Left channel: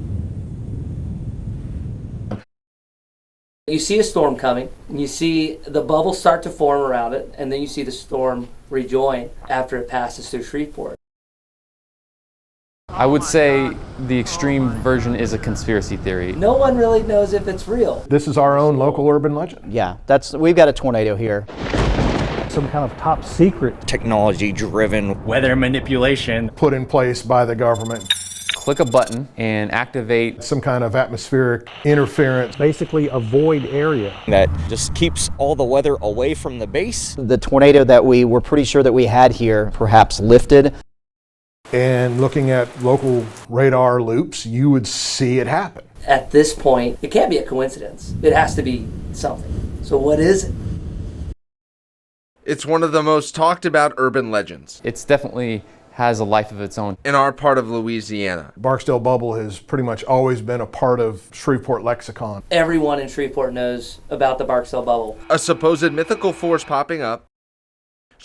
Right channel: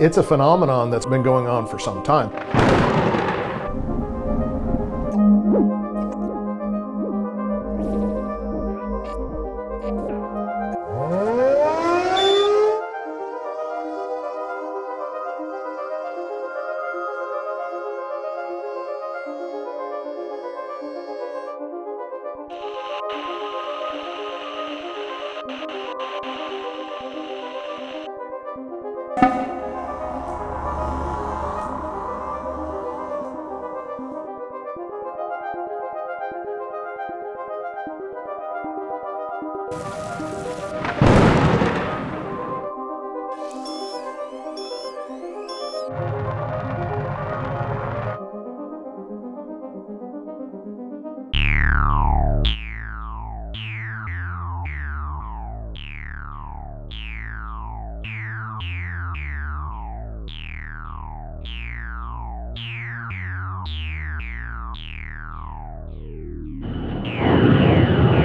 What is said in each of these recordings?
It's a phenomenon that's been going on for some time. You see a storm coming, and you see the bubbles start to form around it, and then you see the storm rejoin after it passes through Shreveport. I would say the extreme version is a conspiracy theory. No one really knows if it's real. This is our own local urban legend. Yeah, we've got a tornado here. Some kind of top secret technology-driven weather manipulation put in place by the government. Click a button and activate some kind of atmospheric interference. Basically a void area that just keeps all the weather away from the base. The tornado that we were pretty sure that we had here perhaps lifted. And looking at local radar loops, you would see it happen. At this point, it can't be a coincidence. It has to be something. So what is it? It's one of the most talked about urban legends. It definitely has a life of its own. In our part of Louisiana. Barksdale Bubble has pretty much always been a part of Shreveport lexicon. Everyone in Shreveport knows about the Barksdale Bubble. A supposed mythical force popping up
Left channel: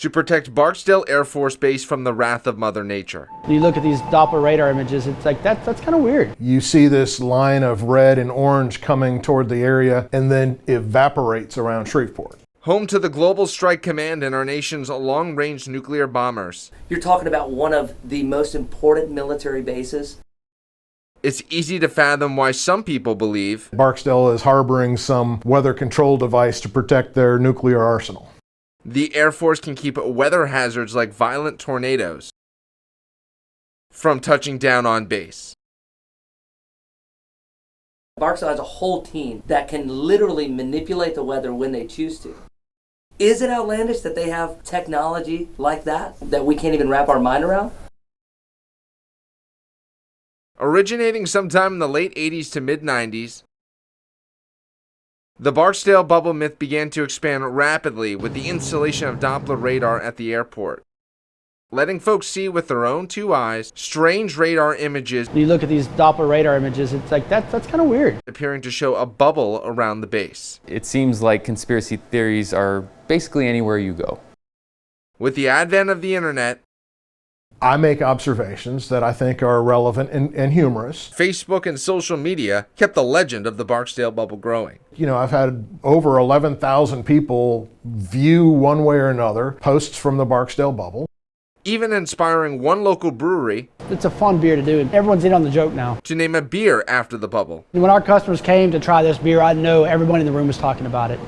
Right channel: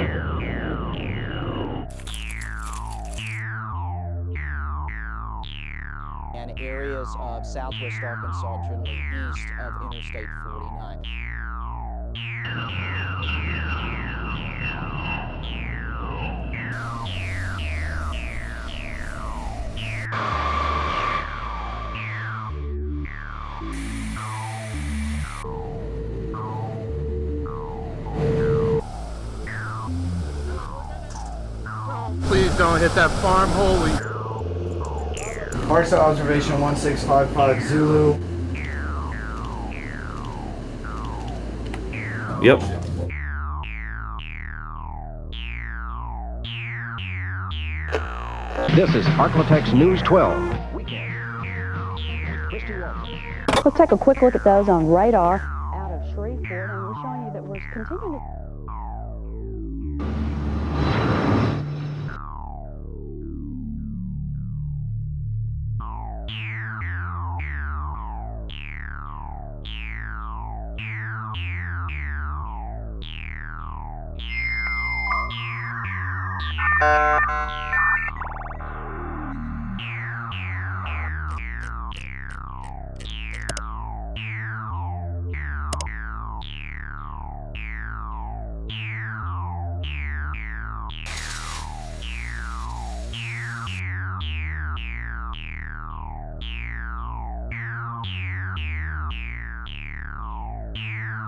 to protect Barksdale Air Force Base from the wrath of Mother Nature. You look at these Doppler radar images, it's like, that's kind of weird. You see this line of red and orange coming toward the area and then evaporates around Shreveport. Home to the Global Strike Command and our nation's long-range nuclear bombers. You're talking about one of the most important military bases. It's easy to fathom why some people believe Barksdale is harboring some weather control device to protect their nuclear arsenal. The Air Force can keep weather hazards like violent tornadoes. Please don't hit that farm hole. From touching down on base. Barksdale Observation 1655 Zulu. Barksdale has a whole team that can literally manipulate the weather when they choose to. Yep. Is it outlandish that they have technology like that we can't even wrap our mind around? This is Arklatex News 12. Originating sometime in the late 80s to mid-90s, let's take a quick look at those on radar. The Barksdale Bubble myth began to expand rapidly with the installation of Doppler radar at the airport, letting folks see with their own two eyes strange radar images. You look at these Doppler radar images, it's like, that's kind of weird. Appearing to show a bubble around the base. It seems like conspiracy theories are basically anywhere you go. With the advent of the internet, I make observations that I think are relevant and humorous. Facebook and social media kept the legend of the Barksdale Bubble growing. You know, I've had over 11,000 people view one way or another posts from the Barksdale Bubble. Even inspiring one local brewery. It's a fun beer to do, and everyone's in on the joke now. To name a beer after the bubble. When our customers came to try this beer, I know everyone in the room was talking about it.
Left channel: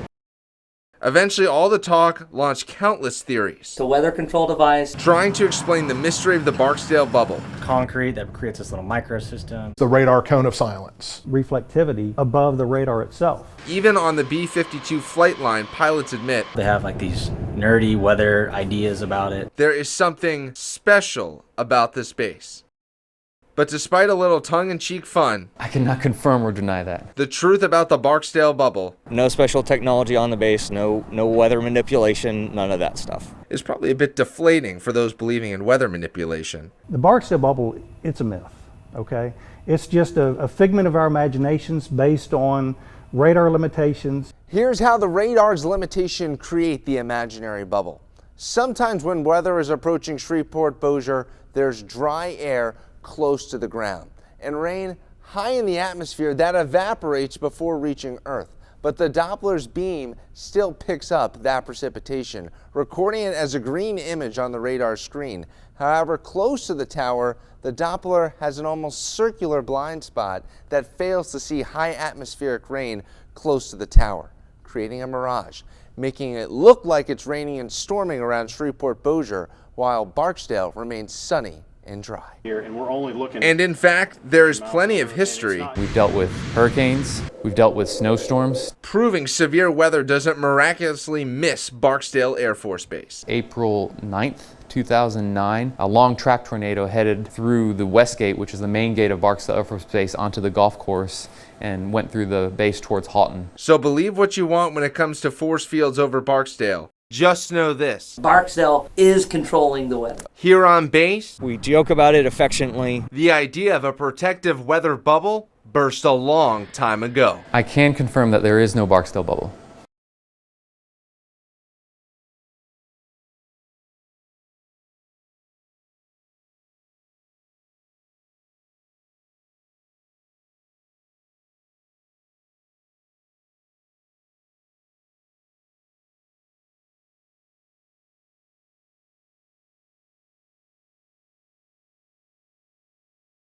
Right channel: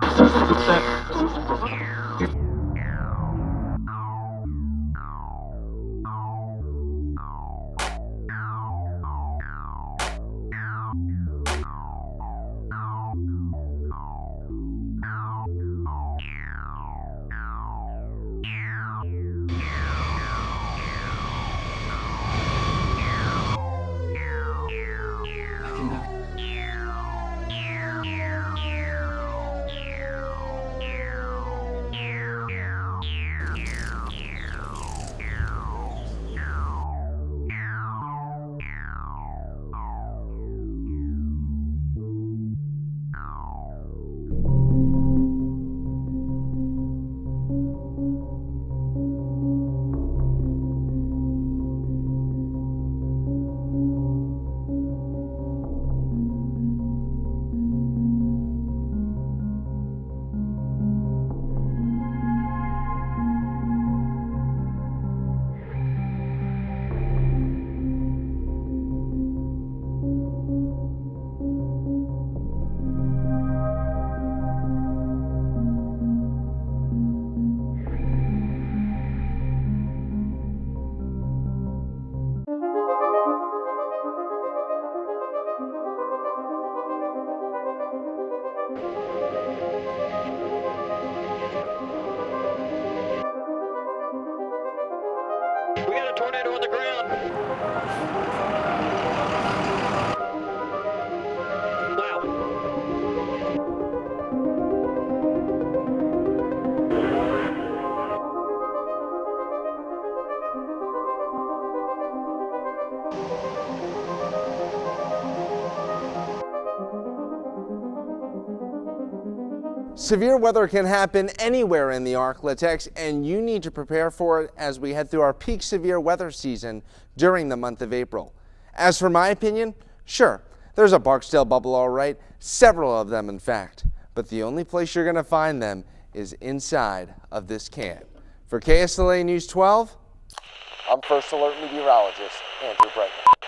Eventually, all the talk launched countless theories. The weather control device. Trying to explain the mystery of the Barksdale Bubble. Concrete that creates this little microsystem. The radar cone of silence. Reflectivity above the radar itself. Even on the B-52 flight line, pilots admit they have like these nerdy weather ideas about it. There is something special about this base. But despite a little tongue-in-cheek fun, I cannot confirm or deny that. The truth about the Barksdale Bubble. No special technology on the base, no weather manipulation, none of that stuff. Is probably a bit deflating for those believing in weather manipulation. The Barksdale Bubble, it's a myth, okay? It's just a figment of our imaginations based on radar limitations. Here's how the radar's limitation create the imaginary bubble. Sometimes when weather is approaching Shreveport, Bossier, there's dry air close to the ground and rain high in the atmosphere that evaporates before reaching Earth. But the Doppler's beam still picks up that precipitation, recording it as a green image on the radar screen. However, close to the tower, the Doppler has an almost circular blind spot that fails to see high atmospheric rain close to the tower, creating a mirage, making it look like it's raining and storming around Shreveport, Bossier, while Barksdale remains sunny and dry. And in fact, there is plenty of history. We've dealt with hurricanes, we've dealt with snowstorms. Proving severe weather doesn't miraculously miss Barksdale Air Force Base. April 9th, 2009, a long track tornado headed through the west gate, which is the main gate of Barksdale Air Force Base, onto the golf course and went through the base towards Houghton. So believe what you want when it comes to force fields over Barksdale. Just know this. Barksdale is controlling the weather. Here on base, we joke about it affectionately. The idea of a protective weather bubble burst a long time ago. I can confirm that there is no Barksdale Bubble. Severe weather can happen anywhere in the Arklatex, and you need to prepare for it as we head through our peak severe weather season during the month of April. As for my opinion, Sure, there's a Barksdale bubble all right, several of them in fact, but the only place you're going to find them is inside of this can. For KSLA News 12, I'm First Alert Meteorologist Andrew Bregman.